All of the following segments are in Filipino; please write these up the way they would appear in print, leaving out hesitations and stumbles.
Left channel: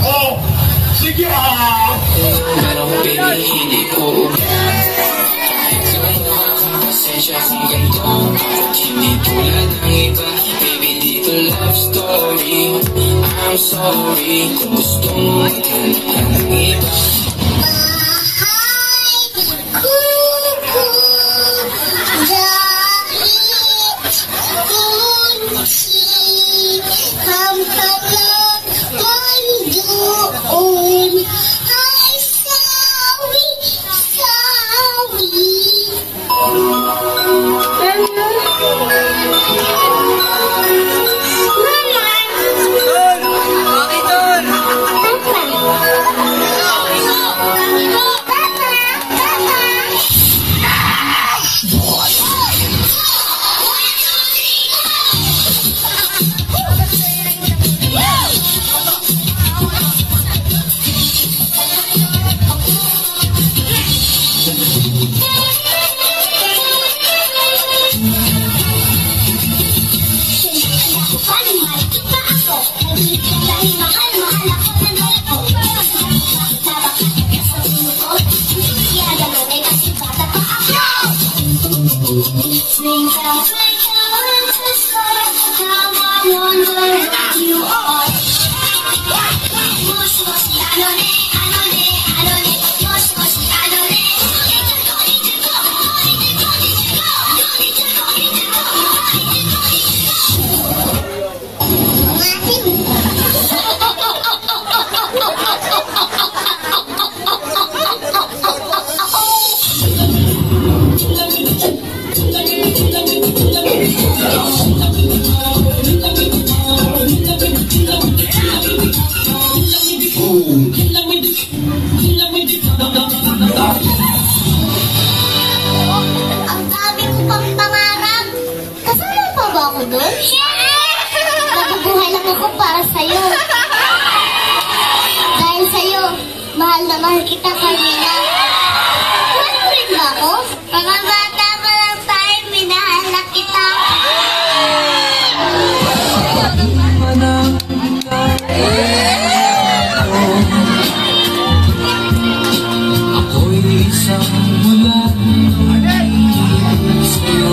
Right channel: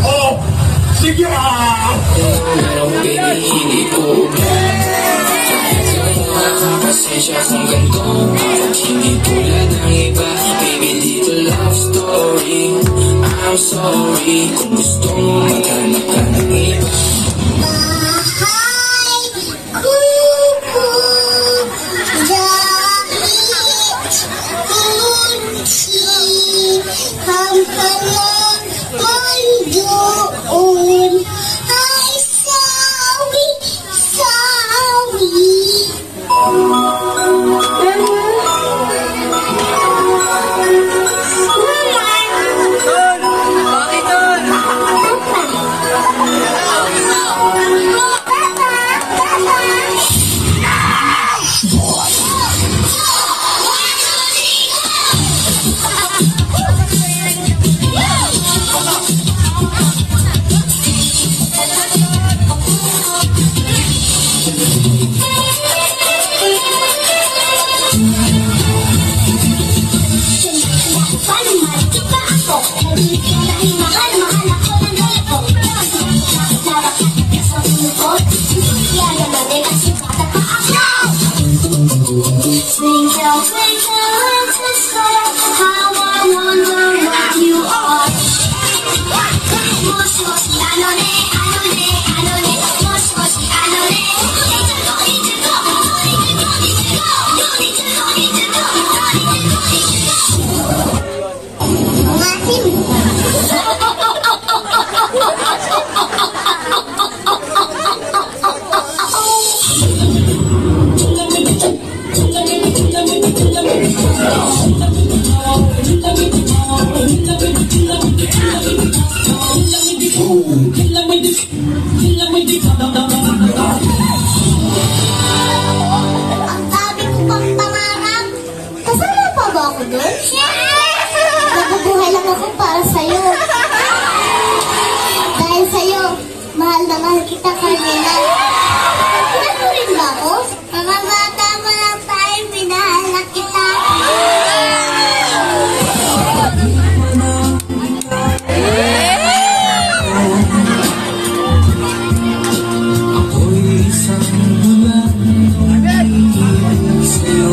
Oh, sige ah! Pero baby, hindi ko makakasensya kung ganito. Hindi tulad ng iba, baby, dito love story. I'm sorry kung gusto mo maghanap ka ng iba. Nabubuhay lang ako para sa'yo. Dahil sa'yo, mahal na mahal kita, Carmela. Mahal mo rin ba ako? Mga bata pa lang tayo, minahal na kita. Ako'y isang mula sa'yo.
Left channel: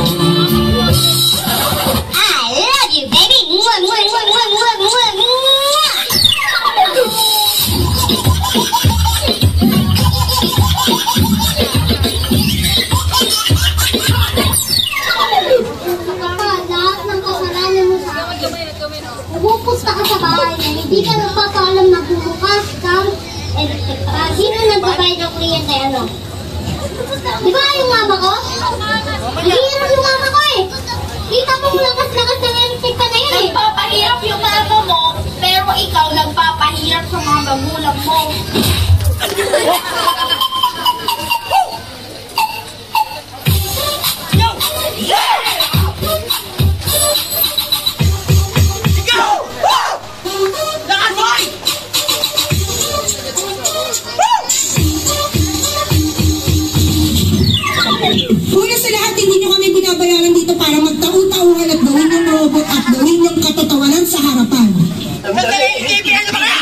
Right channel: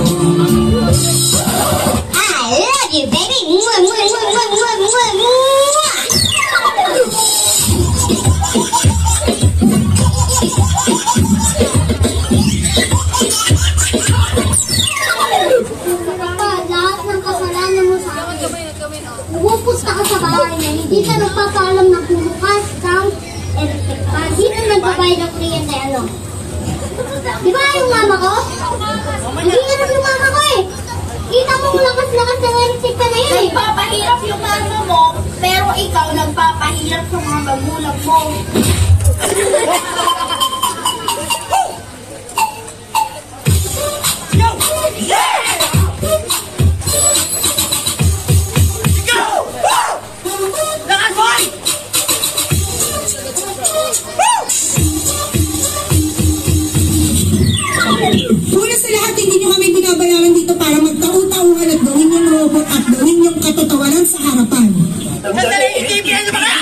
Pupunta ka sa bahay niya, hindi ka nagpapaalam na bumukas kang electric pan. Sino nagbabayad ng kuryente ano? Di ba yung mama ko? Hindi yan yung mama ko eh. Kita mo lakas-lakas ng electric pan na yun eh. Nagpapahirap yung mama mo, pero ikaw nagpapahirap sa mga magulang mo. Una sa lahat, hindi nyo kami binabayaran dito para magtau-tauhan at gawin yung robot at gawin yung katotohanan sa harapan. Sandali, ibigay ka ba ka?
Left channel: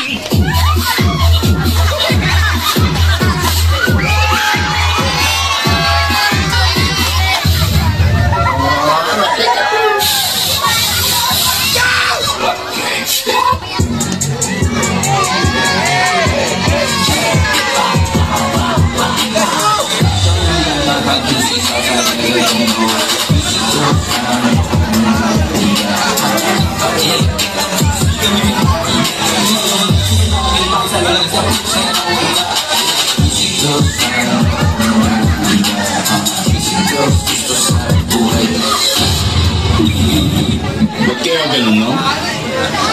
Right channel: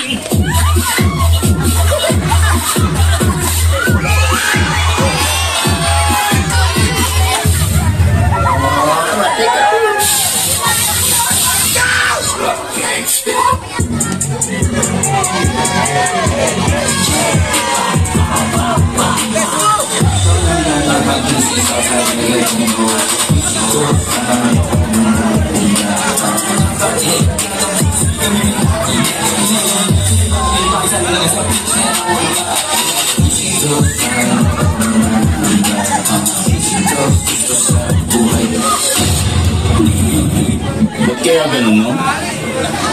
Ba't kaya ganun, no?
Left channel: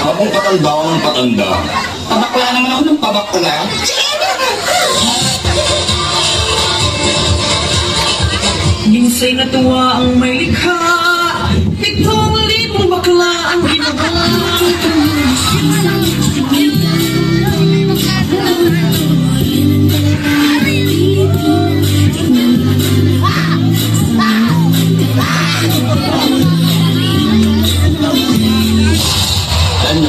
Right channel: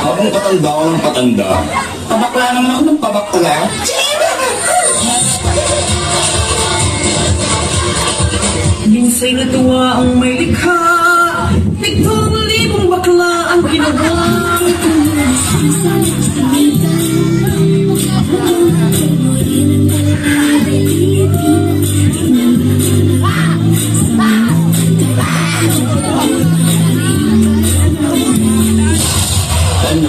Habang patanda ako ng patanda, pabakla naman ako ng pabakla. Minsay natuwa ang may likha, itong libong bakla ang ginawa.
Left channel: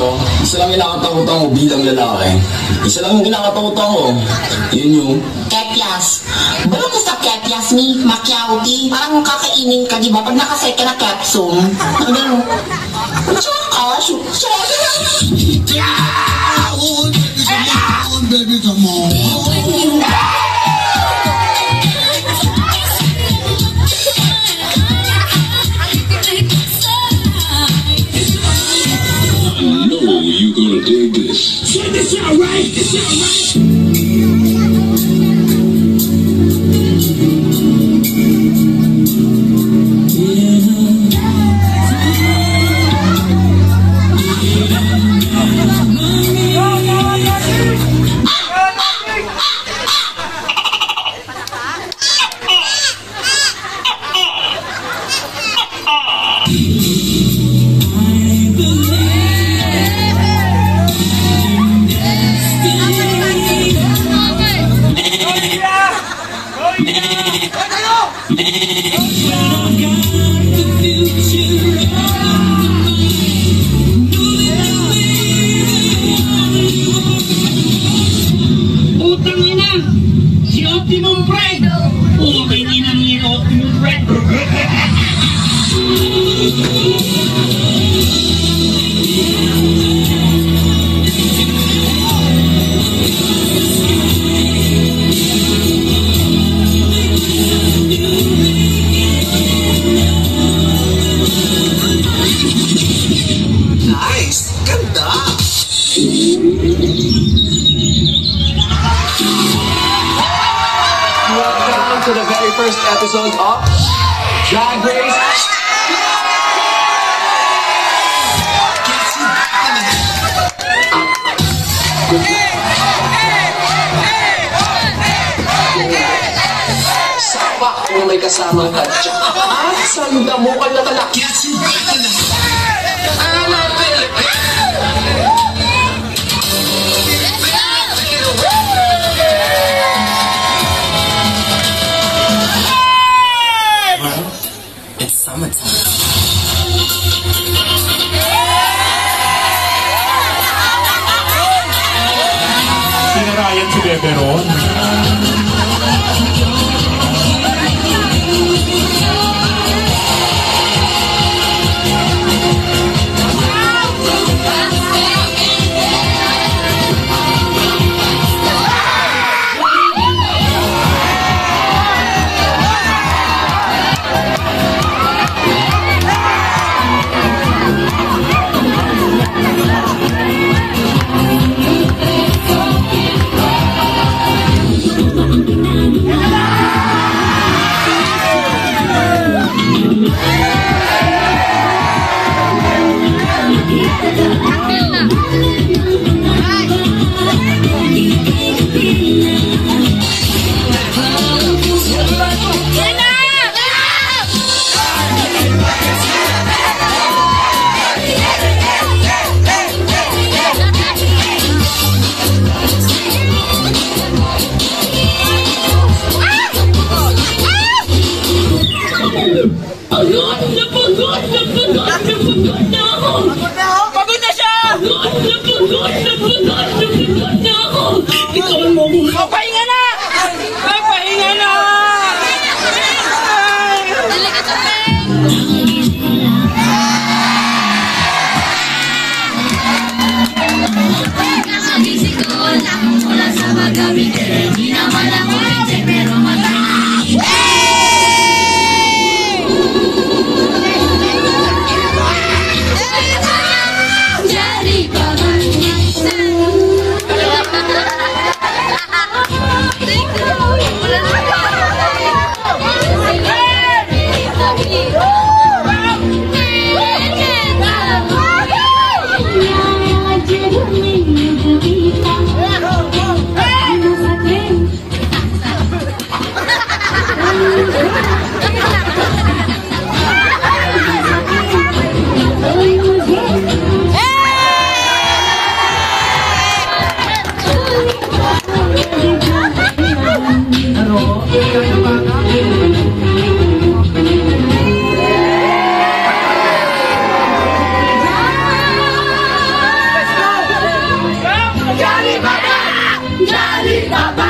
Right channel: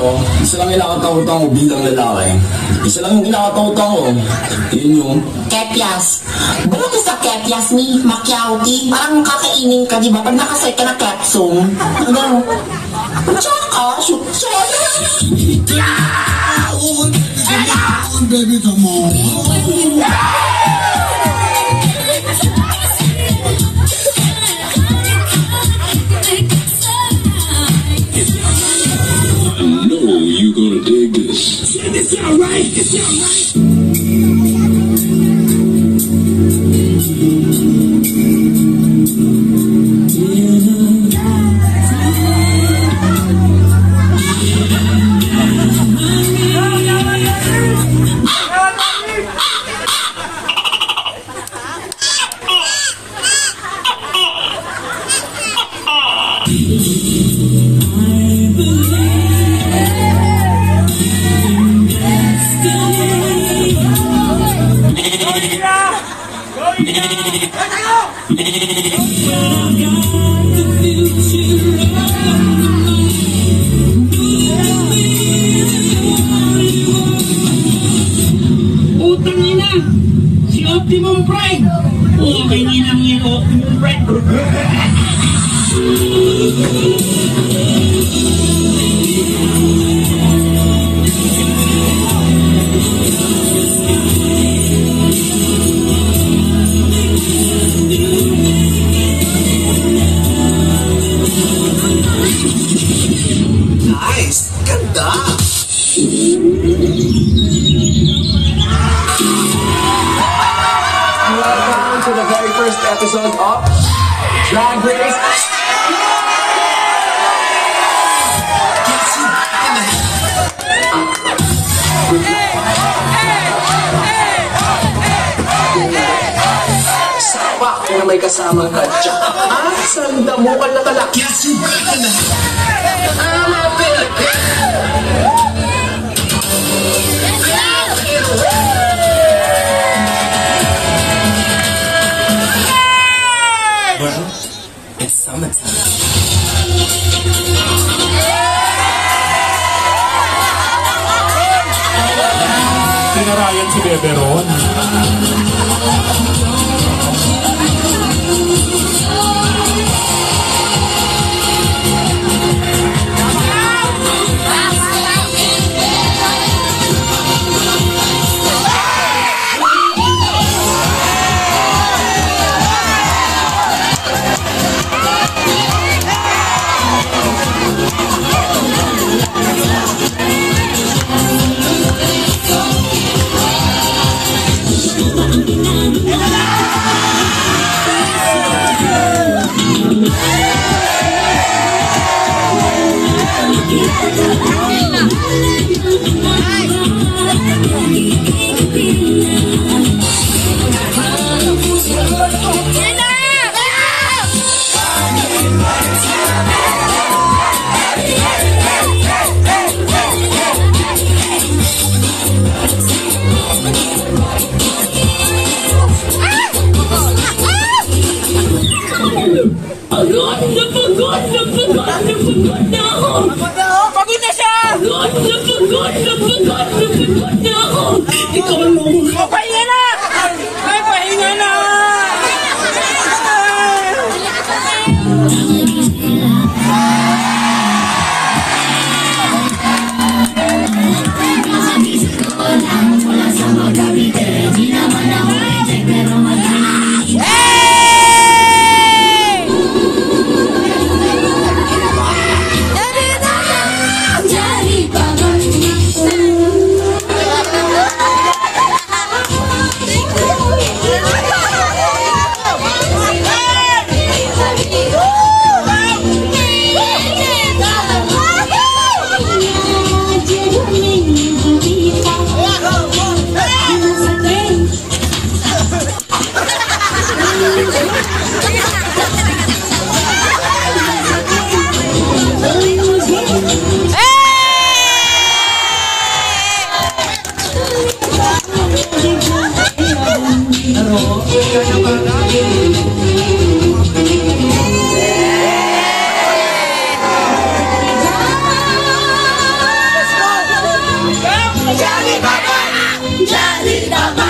ko, isa lang kinakatakutan ko bilang lalaki. Isa lang yung kinakatakutan ko. Yun yung... Kepyas. Bago ka sa kepyas, mi, makyauti. Parang kakainin ka, di ba? Pag nakasay ka na capsule. Ano? Tsaka, baby, come on. You gonna dig this. Check this out, right? This out, right? Utang ina! Si Optimum Prime! Okay, ninang yung Optimum Prime! Nice! Ganda! Welcome to the very first episode of Drag Race. Sapak na may kasama ka. Tsaka, sanda mo ka na talak. Well, it's summertime. Sinarayan si Beberon. Pagod na siya! Pahinga na! Ay, pahinga na! Baba! Daddy Baba!